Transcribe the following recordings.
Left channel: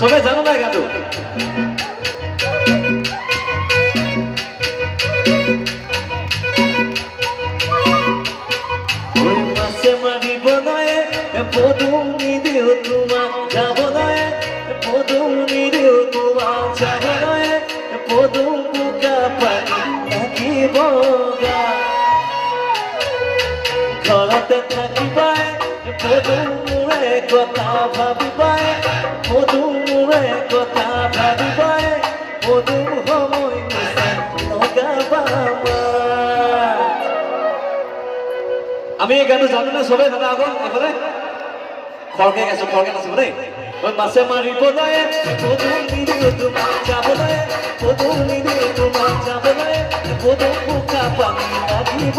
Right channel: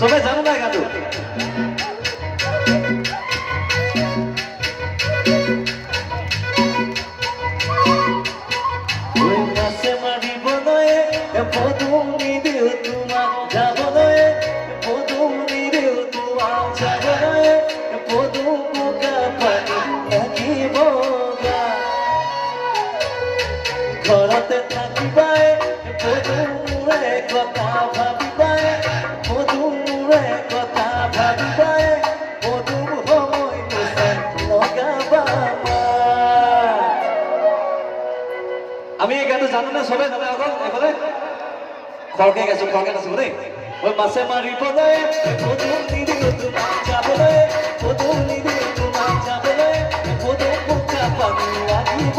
সবে জানো না গাতো ওই মাছে মারিব নয় পদুনি দিও তোমার যাব নয় পদুনি দিও তোমার যাব নয় পদুম বুকা পানি একই বগা ঘৰতে থাকিবাই পদুমৰে কথা ভাবিবাই পদুমৰে কথা ভাবিবাই পদুম সময় লগাবা আমি এই গানটো জানো নে চবে জানা আকৌ এইফালে খৰকে গাইছো খৰকে নাচিব দেই মাছে মাৰিব নয় পদুম নিদিও তোমাক যাবলৈ পদুম নিদিও তোমাক যাবলৈ পদুম বোকা পানী লাগিব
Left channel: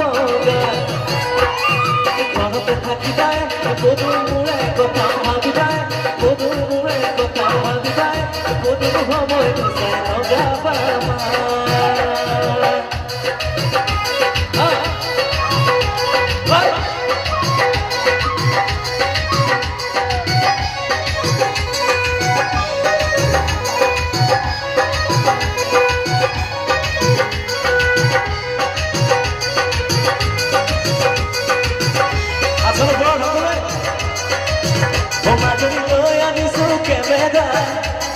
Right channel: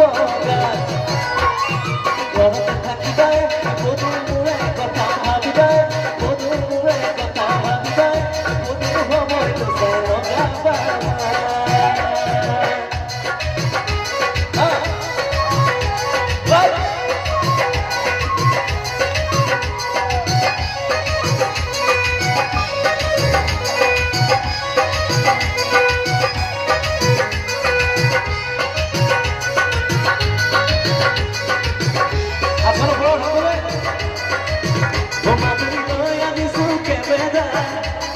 ঘৰতে থাকিবাই পদুমৰে কথা ভাবিবাই পদুমৰে কথা ভাবিবাই পদুম সময় লগাবা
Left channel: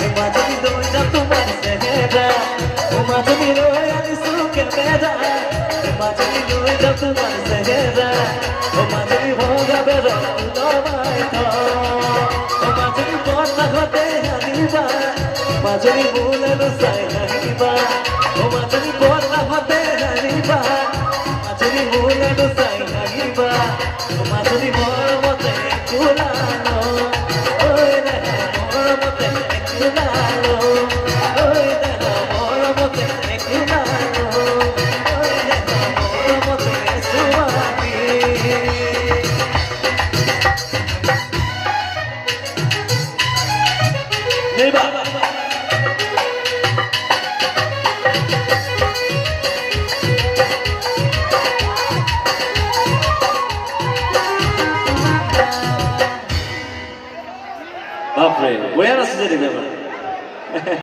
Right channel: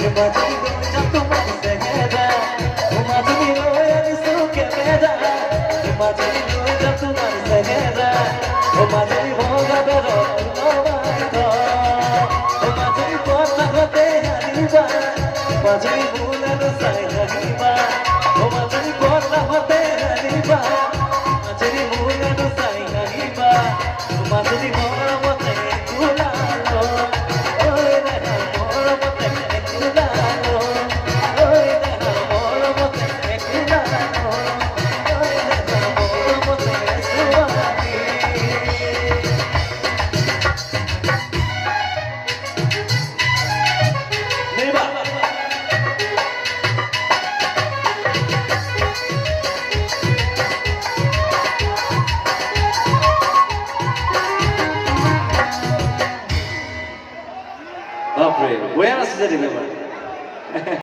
Imagine doing that to my head. Imagine doing that to my head. Imagine doing that to my head. Imagine what a better Imagine what a hotel Haniba. Imagine moon and the side Haniba. Imagine what a hotel Haniba. Imagine moon and the side Haniba. Imagine what a kulano. Bapak, gue harus jadi apa?